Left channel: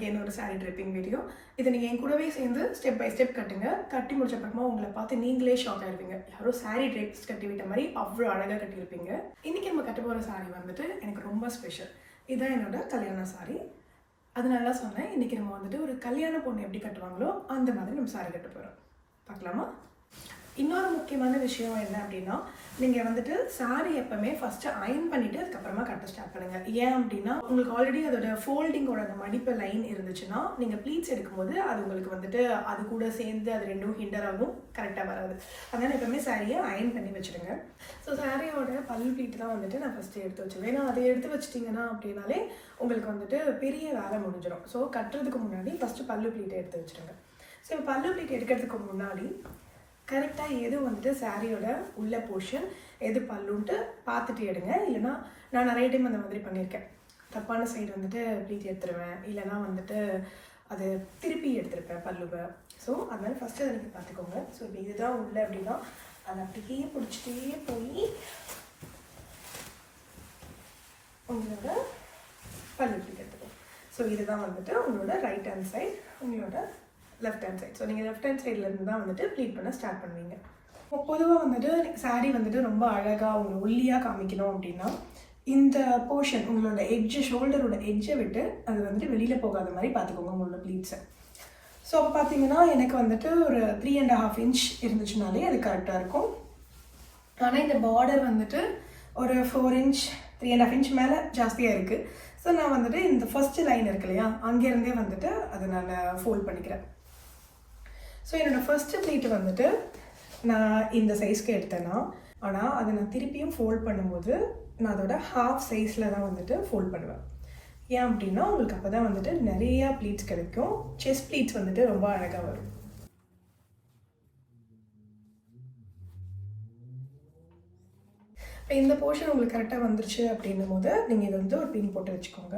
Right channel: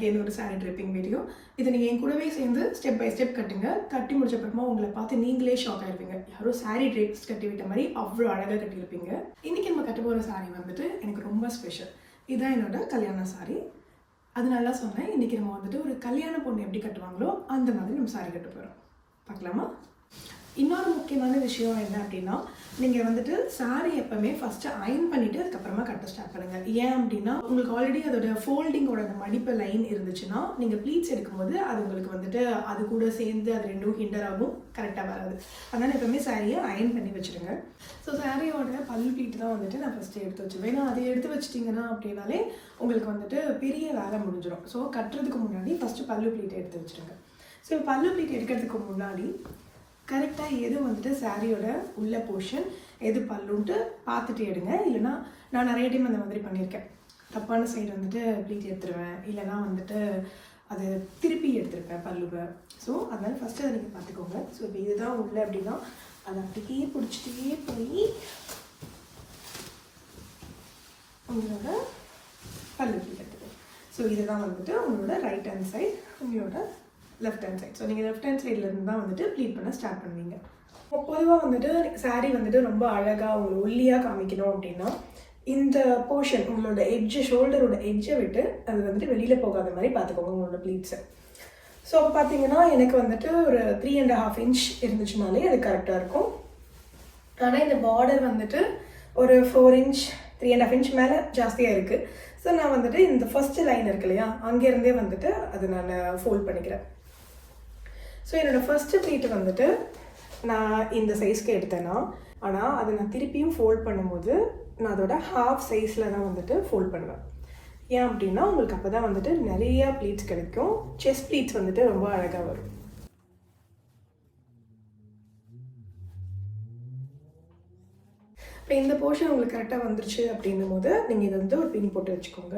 again ஒரு saree draping video. இது நீங்கள் என் கூடவே சேர்ந்து ஸ்டெப் பை ஸ்டெப் கட்டுங்க. கட்டி முடிச்ச அப்புறமா உங்களை பார்த்து நீங்களே ஷாக் ஆயிருப்பீங்க. யாரோ saree drapes கட்டி விட்ட மாதிரி அவ்வளோ அழகாக கட்டியிருப்பீங்க. இன்றைக்கி நம்ம கட்ட போகிற saree வந்துட்டு எனக்கு ரொம்ப ஸ்பெஷல். இதுதான் என்னோட கல்யாண saree. அதனால தான் சொன்னேன், இன்றைக்கி நம்ம வந்துட்டு ஒரு கல்யாண பொண்ணு எப்படி கட்டுவாங்களோ அந்த மாதிரி நம்ம saree கட்ட போகிறோம். பார்க்கலாமா? இன்னொரு முக்கியமான விஷயம் என்ன அப்படின்னா, நீங்கள் வந்துட்டு சாரீ எப்பவுமே ஃபஸ்ட்டு அயன் பண்ணிவிட்டு அதுக்கப்புறமா கட்ட ஸ்டார்ட் பண்ணுங்கள். ஏன் அப்படின்னா உங்களுக்கு ஆல்ரெடி அதோட ஃபோல்டிங்கோட மடிப்பு லைன் இருந்துச்சுன்னா நீங்கள் ப்ளீட்ஸ் எடுக்கும்போது அது உங்களுக்கு வந்துட்டு அது கூட சேர்ந்து அது ரெண்டும் ஹிண்டர் ஆகும், கரெக்டாக வராது. அதனால் எப்பவுமே சாரியை அயன் பண்ணி வச்சுருங்க. ஸோ சாரியோட பல்லு ப்ளீட் தான் வந்துட்டு நான் ஃபஸ்ட்டு எடுத்து வச்சுருவேன். ஏன்னா அதை எடுத்து வச்சிட்டிங்கன்னா அப்படின்னாலே உங்களுக்கு வந்துட்டு பெரிய வேலை முடிஞ்சிடும். ஸோ கட்டுறதுக்கு முன்னாடி ஃபஸ்ட்டு பல்லு ப்ளீட்டை எடுத்து வச்சுருங்க. ஸோ பல்லு ப்ளீட் எடுக்கிறதுக்கு முன்னாடி கரெக்டாக எது வந்துட்டு சாரியோட உள்ள போர்ஷன் எது பல்லுன்ட்டு பார்த்துட்டு எடுங்க. இல்லைனா நான் நிறைய டைம் அந்த மாதிரி பண்ணியிருக்கேன். தப்பான சைடு வந்துட்டு ப்ளீட் எடுத்துருவேன், இல்லைனா வந்துட்டு அது திருப்பி எடுத்துருப்பேன் பல்லுவை. ஸோ அதனால் ஃபஸ்ட்டு அதை நீங்கள் பார்த்துக்கோங்க. ஸோ இப்போ இதுதான் உள்ள அப்படின்னா அதை அப்படியே பிடிச்சிட்டே போய் உங்களோட பல்லு ப்ளீட் எடுத்துக்கோங்க. ஸோ இதுதான் வந்துட்டு உங்களோட ரைட் ஹேண்ட் சைட், உங்களோட லெஃப்ட் ஹேண்ட் சைட். ஸோ நீங்கள் லெஃப்ட் ஹேண்ட் சைட்லேருந்து தான் வந்துட்டு ப்ளீட் பண்ண ஸ்டார்ட் பண்ணுவீங்க. பொதுவாக வந்துட்டு சாரீ வந்துட்டு ரொம்ப அழகாக உங்களை ஒல்லியாக காமிக்கணும் அப்படின்னா இந்த போர்ஷன் உங்களோட எட்ஜு, ஷோல்டரோட எட்ஜை விட்டு அது வந்துட்டு வெளியில் போகாத மாதிரி பார்த்துக்கோங்க உங்களோட ப்ளீட்ஸை. ஸோ அப்போ பார்த்தீங்கன்னா எனக்கு வந்துட்டு ஒரு 3.5 inch இருந்துச்சுனாலே அது கரெக்டாக இருக்கும். ஆனால் இந்த பார்டர் வந்துட்டு ஒரு 4 inch 3.5 inch மேலே ஜாஸ்தியாக இருக்குது. ஸோ நான் வந்துட்டு இந்த ஃபஸ்ட்டு லைன் இருக்கு இல்லையா, அங்கேருந்தே வந்துட்டு அது நான் ஃபோல்ட் பண்ணிக்கிறேன். ஸோ என்னோடய ஃபஸ்ட்டு ப்ளீட்டு வந்துட்டு நான் இந்த சைஸ்க்கு எடுத்தேன்னா, ஆனால் அதை நான் திருப்பியும் ஃபோல்ட் பண்ணும்போது நான் அதோட ஹாஃப் சைஸில் தான் வந்துட்டு ஃபோல்ட் பண்ணுவேன். ஏன் அப்படின்னா உங்களுக்கு அப்போ தான் வந்துட்டு நிறையா ப்ளீட்ஸ் கிடைக்கும். செஸ்ட் ப்ளீட்ஸ் வந்துட்டு ரொம்ப அழகாக வரும். இப்போ இந்த போர்ஷன் உங்களுக்கு கரெக்டாக வந்துருச்சு அப்படின்னும் போது நீங்கள் இதை வந்து ஒரு பின் போட்டு வச்சுக்கோங்க.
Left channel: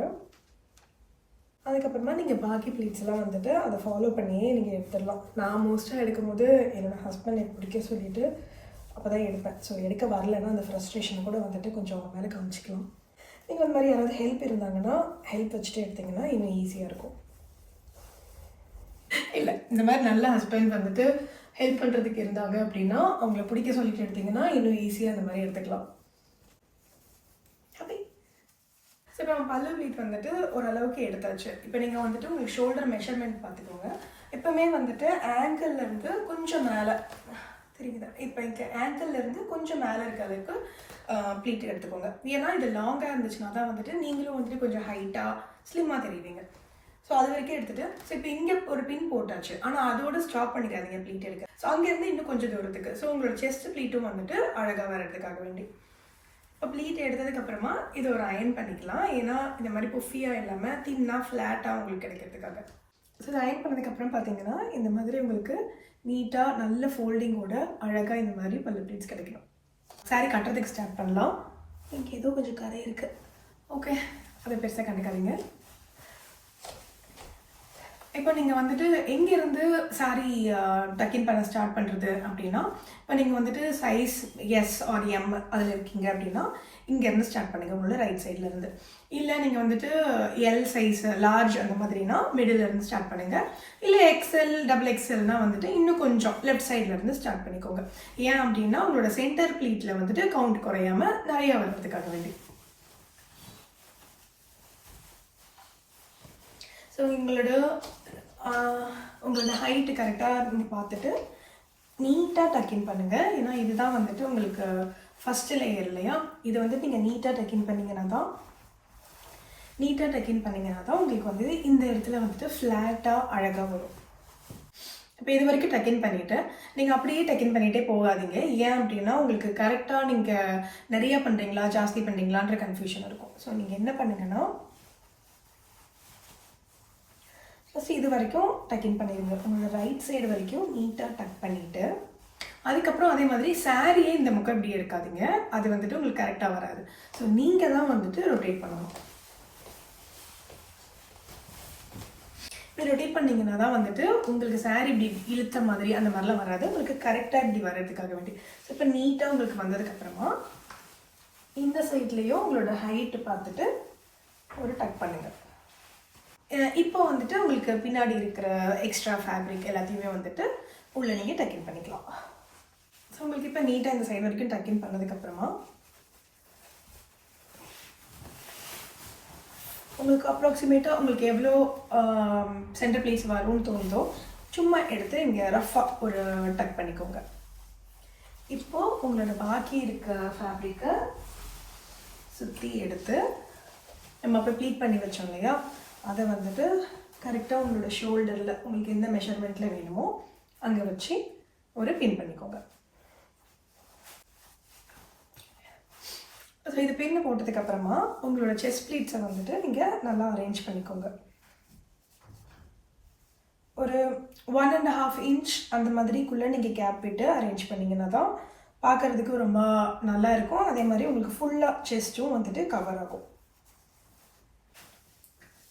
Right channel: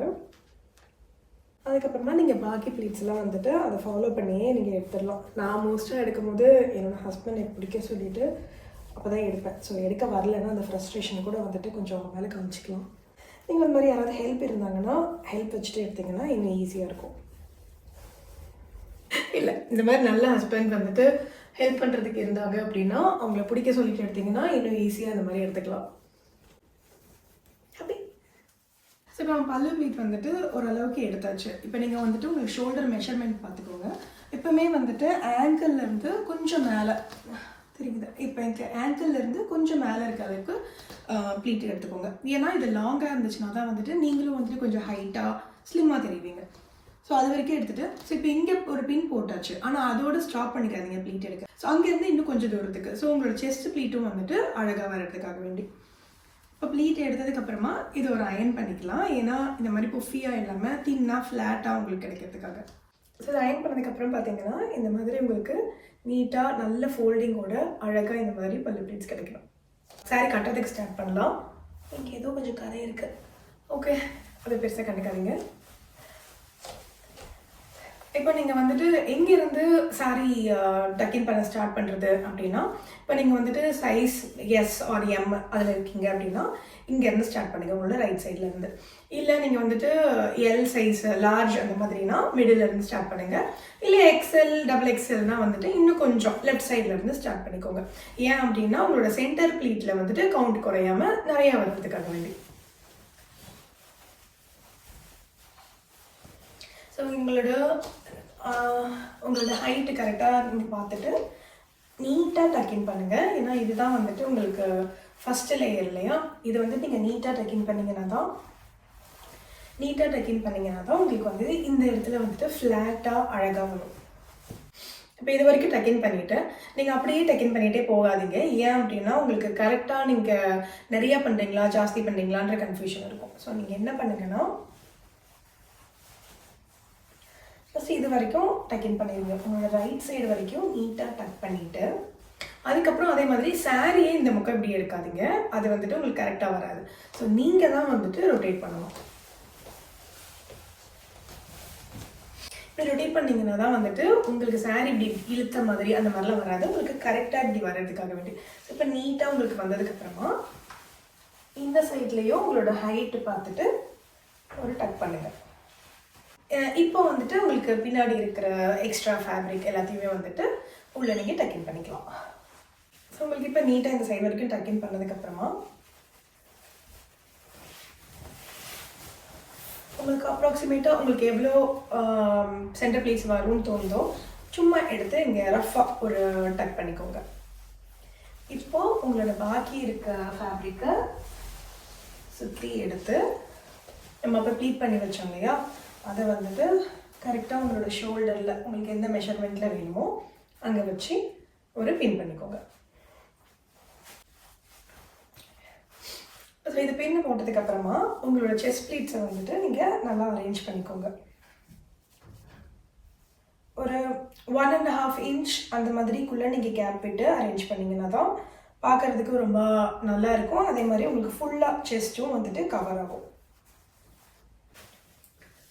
அதுக்கப்புறமா நீங்கள் பாக்கி ப்ளீட்ஸ்லாம் வந்துட்டு அதை ஃபாலோ பண்ணியே நீங்கள் எடுத்துடலாம். நான் மோஸ்ட்டாக எடுக்கும்போது என்னோடய ஹஸ்பண்ட் எனக்கு பிடிக்க சொல்லிவிட்டு அப்போ தான் எடுப்பேன். ஸோ எடுக்க வரலன்னா அந்த ஃப்ரஸ்ட்ரேஷன் கூட வந்துட்டு கொஞ்சம் அவங்க மேலே காமிச்சிக்கலாம். நீங்கள் அந்த மாதிரி யாராவது ஹெல்ப் இருந்தாங்கன்னா ஹெல்ப் வச்சுட்டு எடுத்திங்கன்னா இன்னும் ஈஸியாக இருக்கும். இல்லை, இந்த மாதிரி நல்ல ஹஸ்பண்ட் வந்துட்டு ஹெல்ப் பண்ணுறதுக்கு இருந்தாங்க அப்படின்னா அவங்கள பிடிக்க சொல்லிட்டு எடுத்திங்கன்னா இன்னும் ஈஸியாக அந்த மாதிரி எடுத்துக்கலாம். ஸோ இப்போ நம்ம பல்லு ப்ளீட் வந்துட்டு ஓரளவுக்கு எடுத்தாச்சு. இப்போ நீங்கள் வந்துட்டு உங்களுக்கு ஷோல்டர் மெஷர்மெண்ட் பார்த்துக்கோங்க. எப்போவுமே வந்துட்டு ஆங்கிள்லேருந்து கொஞ்சம் மேலே தெரியுது, இப்போ எனக்கு ஆங்கிள்லேருந்து கொஞ்சம் மேலே இருக்க அளவுக்கு ப்ளீட் எடுத்துக்கோங்க. ஏன்னா இது லாங்காக இருந்துச்சுன்னா தான் வந்துட்டு நீங்களும் வந்துட்டு கொஞ்சம் ஹைட்டாக ஸ்லிம்மாக தெரிவிங்க. ஸோ அது வரைக்கும் எடுத்துகிட்டு ஸோ இப்போ இங்கே ஒரு பின் போட்டாச்சு, ஆனால் அதோடு ஸ்டாப் பண்ணிக்காதீங்க ப்ளீட் எடுக்க. ஸோ அங்கேருந்து இன்னும் கொஞ்சம் தூரத்துக்கு ஸோ உங்களோட செஸ்ட் ப்ளீட்டும் வந்துட்டு அழகாக வரதுக்காக வேண்டி இப்போ ப்ளீட் எடுத்ததுக்கப்புறமா இதை ஒரு அயன் பண்ணிக்கலாம். ஏன்னா இந்த மாதிரி புஃபியாக இல்லாமல் தின்னாக ஃப்ளாட்டாக உங்களுக்கு கிடைக்கிறதுக்காக. ஸோ இதை அயன் பண்ணதுக்கப்புறம் பார்த்தீங்கன்னா இந்த மாதிரி உங்களுக்கு நீட்டாக நல்ல ஃபோல்டிங்கோட அழகாக இந்த மாதிரி பல்லு ப்ளீட்ஸ் கிடைக்கணும். சாரி கட்டுறதுக்கு ஸ்டார்ட் பண்ணலாம். இங்கே ஏதோ கொஞ்சம் கதை இருக்குது, ஓகே, அதை பெருசாக கண்டுக்காதீங்க. இப்போ நீங்கள் வந்துட்டு எங்கேருந்து சாரீ டக்கின் பண்ண ஸ்டார்ட் பண்ணுறது அப்படின்னா, இப்போ நீங்கள் வந்துட்டு சைஸ் எஸ் ஆர் எம் அதில் இருக்கீங்க அப்படின்னா இங்கேருந்து ஸ்டார்ட் பண்ணுங்கள் உங்களோட ரைட் சைட்லேருந்து. இல்லை நீங்கள் வந்துட்டு எல் சைஸ் லார்ஜ் அந்த மாதிரினா மிடிலேருந்து ஸ்டார்ட் பண்ணுங்கள். இல்லை எக்ஸ்எல் டபுள் எக்ஸ்எல்னால் வந்துட்டு இன்னும் கொஞ்சம் லெஃப்ட் சைட்லேருந்து ஸ்டார்ட் பண்ணிக்கோங்க. ஏன் அப்படின்னா உங்களோட சென்டர் ப்ளீட்டில் வந்துட்டு கவுண்ட் குறையாமல் நிறையா வர்றதுக்காக வேண்டி. ஸோ உங்களோட ஹைட்டு கரெக்டாக நீங்கள் பார்த்துட்டு நீட்டாக டக்கின் பண்ணுங்கள். ஏன்னா இதுதான் வந்துட்டு உங்களுக்கு ஃபஸ்ட்டு லேயர் இல்லையா, இதை வந்துட்டு நீங்கள் நீட்டாக டக்கின் பண்ணிங்கன்னா தான் உங்களுக்கு வந்து இந்த இடத்துல வந்துட்டு ஃப்ளாட்டாக அழகாக வரும். இப்போ இது வரைக்கும் டக்கின் பண்ணிவிட்டு நீங்கள் அப்படியே டக்கின் பண்ணிகிட்டே போகாதீங்க. ஏன் அப்படின்னா உங்களுக்கு கரெக்டாக நீங்கள் நிறையா பண்ணுறீங்களா ஜாஸ்தி பண்ணுறீங்களான்ற கன்ஃபியூஷன் இருக்கும். ஸோ நீங்கள் என்ன பண்ணுங்கன்னா ஃபஸ்ட்டு இது வரைக்கும் டக்கின் பண்ணிடுங்க. உங்களோட ரைட் சைடு வரைக்கும் நீட்டாக டக் பண்ணிவிட்டு அதுக்கப்புறம் அதே மாதிரி சாரியே இந்த முக்கம் இப்படி எடுக்காதீங்க, அது வந்துட்டு உங்களுக்கு கரெக்டாக வராது. ஸோ நீங்கள் தான் வந்துட்டு ரொட்டேட் பண்ணணும். இப்படி ரொட்டேட் பண்ணிங்கன்னா தான் வந்துட்டு உங்களுக்கு சாரி இப்படி இழுத்த மாதிரி அந்த மாதிரிலாம் வராது, உங்களுக்கு கரெக்டாக இப்படி வர்றதுக்காக வேண்டி. ஸோ இப்போ நீட்டாக உங்களுக்கு வந்ததுக்கப்புறமா இந்த சைட்லேயும் உங்களோட ஹைட்டு பார்த்துட்டு ஒரு டக் பண்ணுங்கள். இப்போ வந்துட்டு உங்களுக்கு பின்னாடி இருக்கிற எக்ஸ்ட்ரா ஃபேப்ரிக் எல்லாத்தையுமே வந்துட்டு உள்ளே நீங்கள் டக்கின் பண்ணிக்கலாம். ஸோ உங்களுக்கு இப்போ நீட்டாக இந்த சைடு வரைக்கும் டக்கின் பண்ணதுக்கப்புறமா உங்களுக்கு அப்ராக்சிமேட்டாக உங்களுக்கு எவ்வளோ சென்டர் ப்ளீட்ஸ் வரும்னு தோணுதோ சும்மா எடுத்து இங்கே ரஃபாக ஒரு டக் பண்ணிக்கோங்க. இப்போது உங்களோட பாக்கி இருக்க ஃபேப்ரிக்கை சுற்றி எடுத்து நம்ம அப்போ ப்ளீட் பண்ணி வச்சோம் இல்லையா, அதை வந்துட்டு கரெக்டாக உங்களோட ஷோல்டரில் உங்களுக்கு எந்த மெஷர்மெண்ட்டில் வேணுமோ அங்கே வச்சு ஒரு பின் பண்ணிக்கோங்க. ஸோ இது பின்னு போட்டதுக்கப்புறமா உங்களோட செஸ்ட் ப்ளீட்ஸை வந்துட்டு நீங்கள் நல்லா அரேஞ்ச் பண்ணிக்கோங்க. ஒரு 1.5 இன்ச் அந்த மாதிரிக்குள்ளே நீங்கள் கேப் விட்டு அரேஞ்ச் பண்ணிங்கன்னா தான் பார்க்குறதுக்கு ரொம்ப நல்லா இருக்கும். அதே மாதிரி உங்களுக்கு ஃபுல்லாக செஸ்ட்டும் வந்துட்டு கவர் ஆகும்.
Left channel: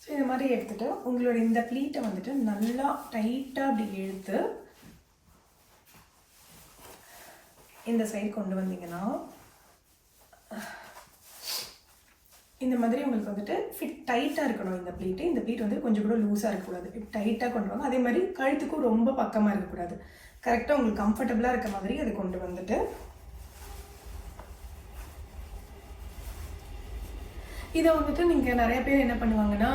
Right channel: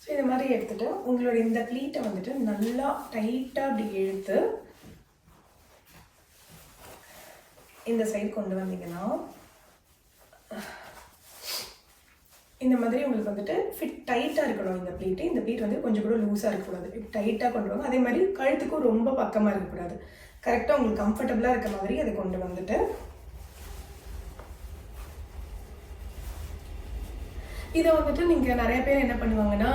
ஸோ இது மாதிரி எடுத்துகிட்டு உங்களோட இந்த ப்ளீட்டை வந்துட்டு நல்லா டைட்டாக அப்படி இழுத்து இந்த சைடு கொண்டு வந்தீங்கன்னா இந்த மாதிரி உங்களுக்கு வந்துட்டு ஃபிட் டைட்டாக இருக்கணும். இந்த ப்ளீட்டு இந்த ப்ளீட் வந்து கொஞ்சம் கூட லூஸாக இருக்கக்கூடாது, டைட்டாக கொண்டு வாங்க. அதே மாதிரி கழுத்துக்கும் ரொம்ப பக்கமாக இருக்கக்கூடாது, கரெக்டாக உங்களுக்கு கம்ஃபர்டபுளாக இருக்க மாதிரி அதை கொண்டு வந்துட்டு இதை வந்துட்டு நீங்கள் நிறைய பேர் என்ன பண்ணுவாங்கன்னா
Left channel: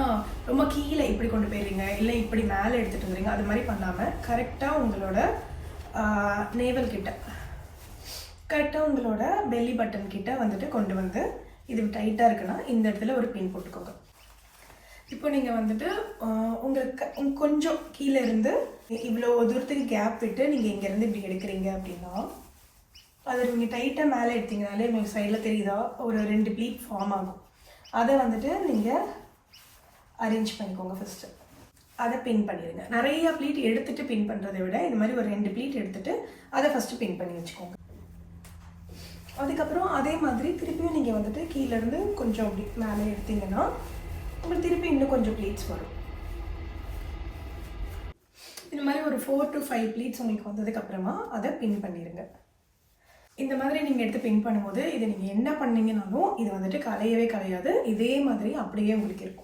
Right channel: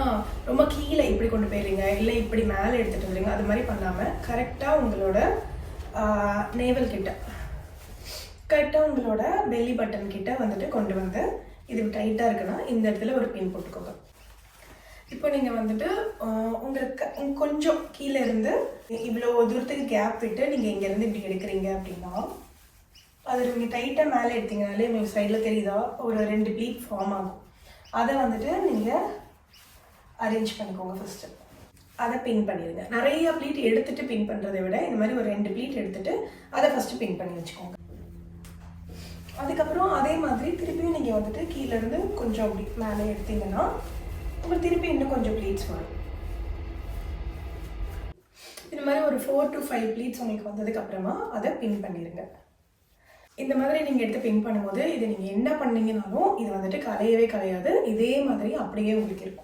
ரொம்ப கீழே இப்படி கொண்டு போயிடுறீங்க, இல்லை இப்படி மேலே எடுத்துகிட்டு வந்துடுறீங்க. அது மாதிரி பண்ணாமல் கரெக்டாக உங்களோட நேவல் கிட்ட, கரெக்டாக உங்களோட பெல்லி பட்டன் கிட்ட வந்துட்டு கொண்டு வந்து இது டைட்டாக இருக்குன்னா இந்த இடத்துல ஒரு பின் போட்டுக்கோங்க. இப்போ நீங்கள் வந்துட்டு உங்களுக்கு கொஞ்சம் கீழே இருந்து இவ்வளோ தூரத்துக்கு கேப் விட்டு நீங்கள் இங்கேருந்து இப்படி எடுக்கிறீங்க அப்படின்னா அது நீங்கள் டைட்டாக மேலே எடுத்தீங்கனாலே உங்களுக்கு சைடில் தெரியுதா ஒரு 2 ப்ளீட் ஃபார்ம் ஆகும். அதை வந்துட்டு நீங்கள் அரேஞ்ச் பண்ணிக்கோங்க. ஃபஸ்ட்டு அதை பின் பண்ணிடுங்க. நிறையா ப்ளீட் எடுத்துகிட்டு பின் பண்ணுறதை விட இந்த மாதிரி ஒரு 2 ப்ளீட் எடுத்துகிட்டு அதை ஃபஸ்ட்டு பின் பண்ணி வச்சுக்கோங்க. அதுக்கப்புறம் அதே மாதிரி திருப்பியும் நீங்கள் வந்துட்டு கீழேருந்து கொஞ்சம் அப்படி மேலே எடுத்தீங்கன்னா உங்களுக்கு திருப்பி இன்னும் கொஞ்சம் ப்ளீட்ஸ் வரும். இந்த மாதிரி ஒரு 4 to 5 ப்ளீட்ஸ் உங்களுக்கு வந்ததுக்கப்புறமா அதை பின் பண்ணிடுங்க. இந்த மாதிரி நீங்கள் எடுத்து பின் பண்ணும்போது இது நீங்கள் என்ன பண்ணீங்கன்னாலும் இது வந்துட்டு கலையவே கலையாது, இதே மாதிரி அப்படியே உங்களுக்கு இருக்கும்.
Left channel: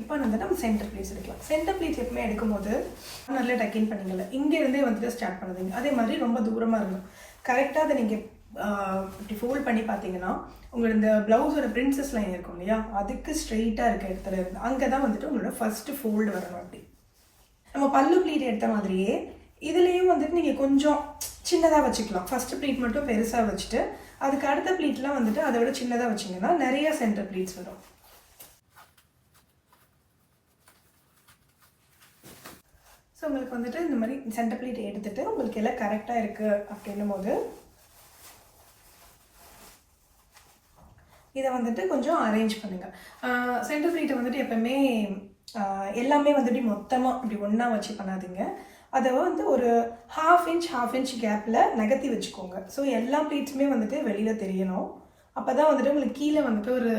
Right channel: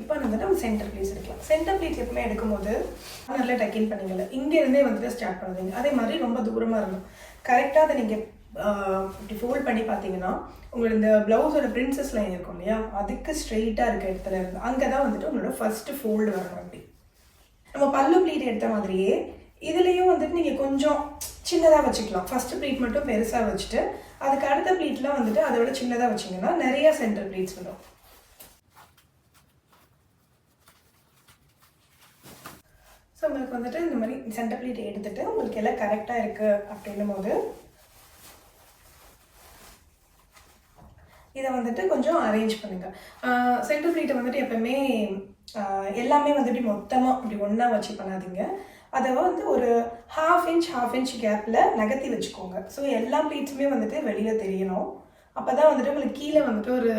இப்போ வந்துட்டு நம்ம சென்டர் ப்ளீட்ஸ் எடுக்கலாம். சென்டர் ப்ளீட்ஸ் எப்பவுமே எடுக்கும்போது நல்லா டக்கின் பண்ணிங்கல்ல, இங்கேருந்தே வந்துட்டு ஸ்டார்ட் பண்ணுவீங்க. அதே மாதிரி ரொம்ப தூரமாக இருக்கும். கரெக்டாக அதை நீங்கள் இப்படி ஃபோல்ட் பண்ணி பார்த்தீங்கன்னா உங்களோட இந்த ப்ளவுஸோட பிரின்சஸ் லைன் இருக்கும் இல்லையா, அதுக்கு ஸ்ட்ரெயிட்டாக இருக்க இடத்துல இருந்து அங்கே தான் வந்துட்டு உங்களோட ஃபஸ்ட்டு ஃபோல்டு வரணும். அப்படி நம்ம பல்லு ப்ளீட் எடுத்த மாதிரியே இதுலேயும் வந்துட்டு நீங்கள் கொஞ்சம் சின்னதாக வச்சுக்கலாம். ஃபஸ்ட்டு ப்ளீட் மட்டும் பெருசாக வச்சுட்டு அதுக்கு அடுத்த ப்ளீட்லாம் வந்துட்டு அதை விட சின்னதாக வச்சிங்கன்னா நிறையா சென்டர் ப்ளீட்ஸ் வரும். ஸோ உங்களுக்கு வந்துட்டு இந்த மாதிரி சென்டர் ப்ளீட் எடுத்துகிட்டு உங்களுக்கு எல்லாம் கரெக்டாக இருக்குது அப்படின்னும் போது இதை வந்துட்டு கொஞ்சம் அரேஞ்ச் பண்ணுங்கள். சென்டர் ப்ளீட்டை வந்துட்டு எப்போவுமே எல்லாமே வந்துட்டு மொத்தமாக இப்படி ஒன்றா வச்சு பண்ணாதீங்க. அதை வந்து ஒரு ½ இன்ச் கேப்பில் நகர்த்தி வச்சுக்கோங்க. ஸோ எல்லா ப்ளீட்ஸுமே வந்துட்டு வெளியில் தெரியணும். அப்போ தான் வந்துட்டு உங்களுக்கு கீழே வந்துட்டு ஒரு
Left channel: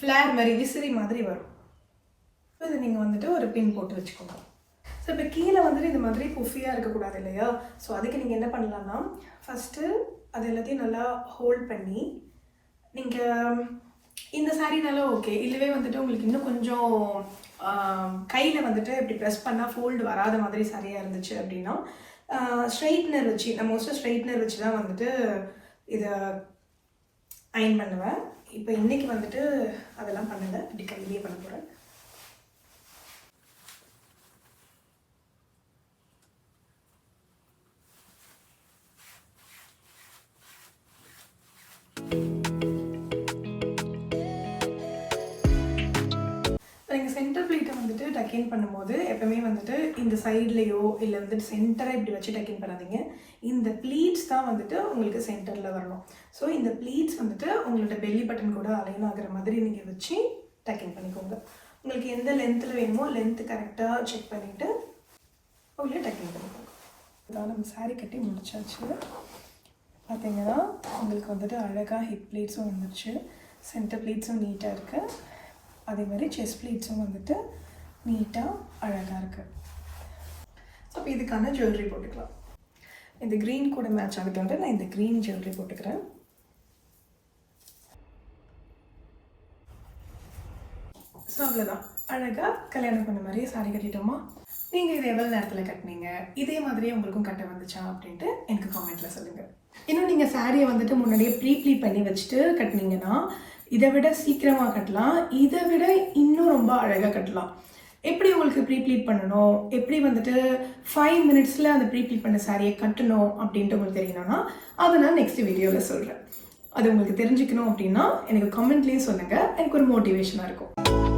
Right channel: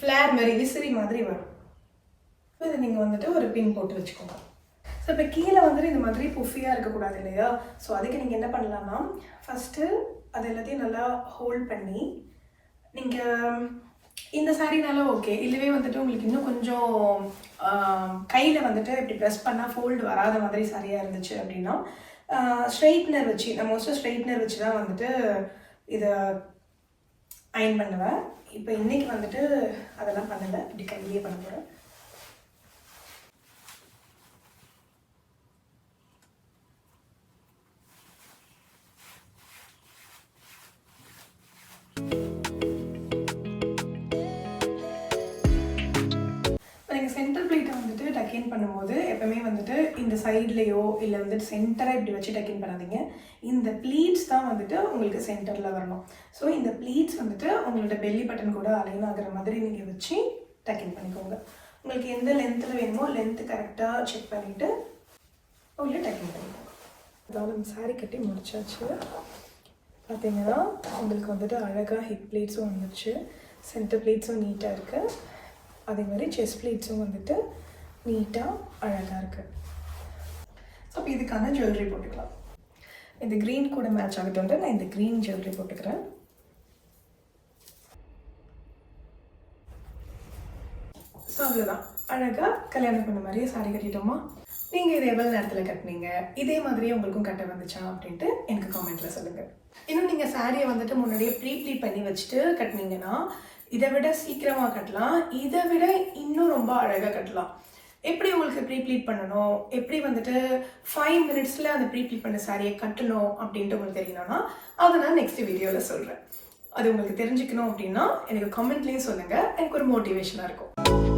ஃப்ளேர் மாதிரி விசிறி மாதிரி வரும். ஸோ இதை நீங்கள் வந்துட்டு ஒரு பின் போட்டு வச்சுக்கோங்க. ஸோ இப்போ கீழே வந்துட்டு இந்த மாதிரி புஃபியாக இருக்கக்கூடாது இல்லையா, ஸோ அதுக்கு நீங்கள் என்ன பண்ணலான்னா ஃபஸ்ட்டு அது எல்லாத்தையும் நல்லா ஹோல்ட் பண்ணி நீங்கள் இந்த சாரீனால ஓகே, இல்லவே வந்துட்டு உங்களுக்கு இன்னும் கொஞ்சம் கையில் வந்துட்டு இப்படி ப்ரெஸ் பண்ணால் ஃபோல்டு வராத மாதிரி சரியாக இருந்துச்சு அப்படின்னா ஸ்ட்ரைட்னர் வச்சு, நான் மோஸ்ட்டாக ஸ்ட்ரைட்னர் வச்சு தான் வந்துட்டு இதை அயன் பண்ணுவேன். இப்போ இன்றைக்கி வந்துட்டு அதெல்லாம் பண்ணலை, இப்படி கையிலேயே பண்ண போகிறேன். சென்டர் ப்ளீட்டை வந்துட்டு டக்கின் பண்ணும்போது எப்பவுமே வந்துட்டு இந்த சைட்லேயோ இல்லை வந்துட்டு சென்டராக இப்படி வச்சு டக்கின் பண்ணாதீங்க. இந்த ப்ளீட்ஸ் தான் வந்துட்டு உங்களுக்கு சென்டரில் வரணும். ஸோ இந்த ப்ளீட்ஸ் வந்துட்டு உங்களோட பெல்லி பட்டன் கூட அலைன் ஆகிற மாதிரி நீங்கள் வச்சு டக்கின் பண்ணிக்கோங்க. உங்களுக்கு எந்த லென்த்தில் வேணுமோ லென்த்து கரெக்டாக செக் பண்ணிவிட்டு உங்களே டக்கின் பண்ணிக்கோங்க. அதாவது நம்ம சாரீ கட்டி முடிச்சாச்சு. பார்த்தீங்கன்னா உங்களுக்கு வந்துட்டு அழகாக ஹிப் ப்ளீட்ஸும் வந்துடுச்சு, சென்டர் ப்ளீட்ஸும் நீட்டாக இருக்குது, அதே மாதிரி செஸ்ட் ப்ளீட்ஸும் வந்துட்டு நீட்டாக அழகாக இருக்குது. ஸோ இப்போ இதுக்கான ஜுவல்லரி போட்டுக்கலாம். இந்த க்ரீன் கூட மேட்ச் ஆகுதுன்ட்டு நான் இந்த க்ரீன் ஜுவல்லரி போட்டுக்கிறேன். ஸோ அவ்வளோதான், அழகாக கல்யாணம் பண்ண மாதிரியே சாரி கட்டிட்டோமா? நீங்கள் இதை எவ்வளோ நேரத்தில் கட்டினீங்க, இதே மாதிரியே உங்களுக்கும் கட்ட வந்துச்சா அப்படின்ட்டு எனக்கு காமெண்ட்டில் சொல்லுங்கள். இன்னும் நீங்கள் சாரியை வந்துட்டு முன்னாடியே ப்ளீட் பண்ணி வச்சுட்டு கட்டினீங்கன்னா இதை விட சீக்கிரமாக கட்டலாம், இதை விட இன்னும் ரொம்ப அழகாக கட்டலாம். எப்படி உங்களுக்கு ப்ளீட் பண்ணணும், எப்படி வந்துட்டு 5 மினிட்ஸில் அந்த ப்ளீட் பண்ண சாரியை கட்டணும் அப்படின்ட்டு உங்களுக்கு தெரியணும்னா அதை நான் நெக்ஸ்ட் வீடியோவில் சொல்கிறேன். அது உங்களுக்கு தெரிஞ்சுக்கணும் அப்படின்னா எனக்கு கமெண்ட்லேயும் சொல்லுங்கள், எனக்கு ஒரு மோட்டிவேஷனாக இருக்கும்.